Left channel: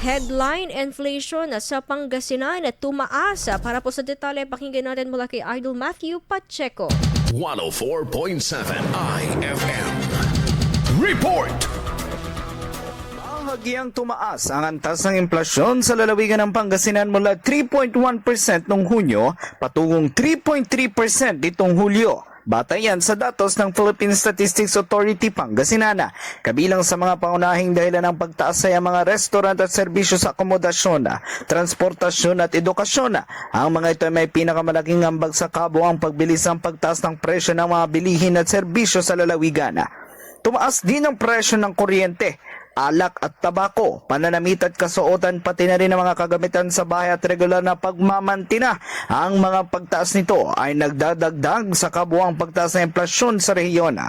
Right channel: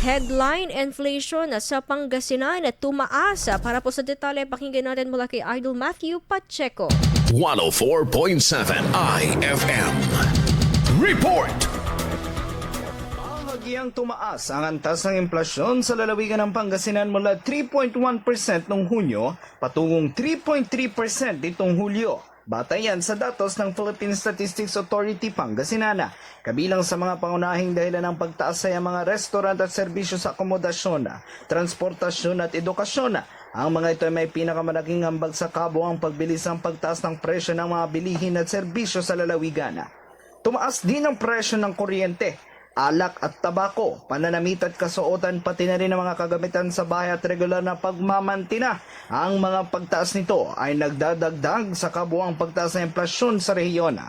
Headline, inflation sa Pangasinan at tumaas. Para po sa detalye, pakinggan natin mula kay Idol Matthew Pacheco. 104.7 IFM. Report! Bahagyang tumaas ang antas ng inflasyon sa lalawigan ng Pangasinan mula 3.1% noong Hunyo patungong 3.3% nitong Hulyo. Batay yan sa datos ng Philippine Statistics Authority Pangasinan. Kabilang sa mga pangunahing dahilan ng pagtaas ay ang mga restaurant at serbisyo sa akomodasyon, transportasyon at edukasyon. Ang mga ito ay may pinakamalaking ambag sa kabuang pagbilis ng pagtaas ng presyo ng mga bilihin at serbisyo sa lalawigan. Tumaas din ang presyo ng kuryente, alak at tabako, pananamit at kasuotan, pati na rin ang mga kagamitan sa bahay at regular na pagmamantina. Ang mga pagtaas nito ay nagdadagdag sa kabuang pagtaas ng inflasyon sa rehiyon.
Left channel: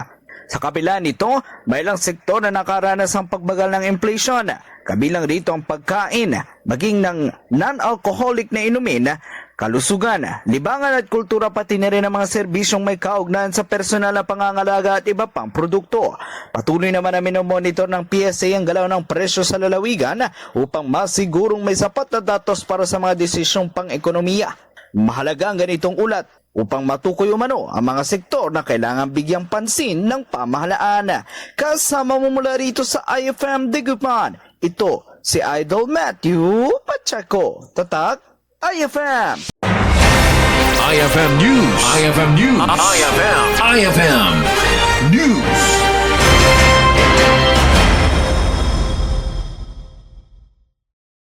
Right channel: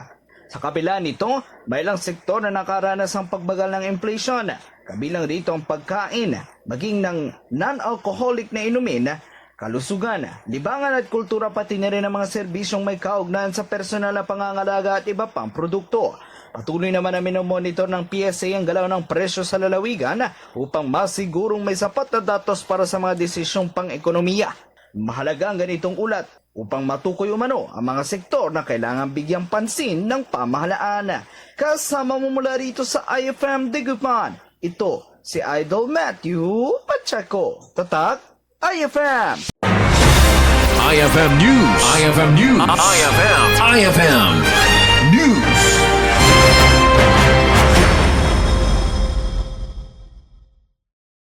Sa kabila nito, may ilang sektor na nakaranas ng pagbagal ng inflation. Kabilang rito ang pagkain, maging ng non-alcoholic na inumin, kalusugan, libangan at kultura, pati na rin ang mga serbisyong may kaugnayan sa personal na pangangalaga at iba pang produkto. Patuloy naman na minomonitor ng PSA ang galaw ng presyo sa lalawigan upang masigurong may sapat na datos para sa mga desisyong pang-ekonomiya. Mahalaga ang ganitong ulat upang matukoy umano ang mga sektor na kailangan bigyang pansin ng pamahalaan. Kasama mo mula rito sa IFM Digupan, ito si Idol Matthew Pacheco. Tatak IFM. IFM News. IFM News. IFM News.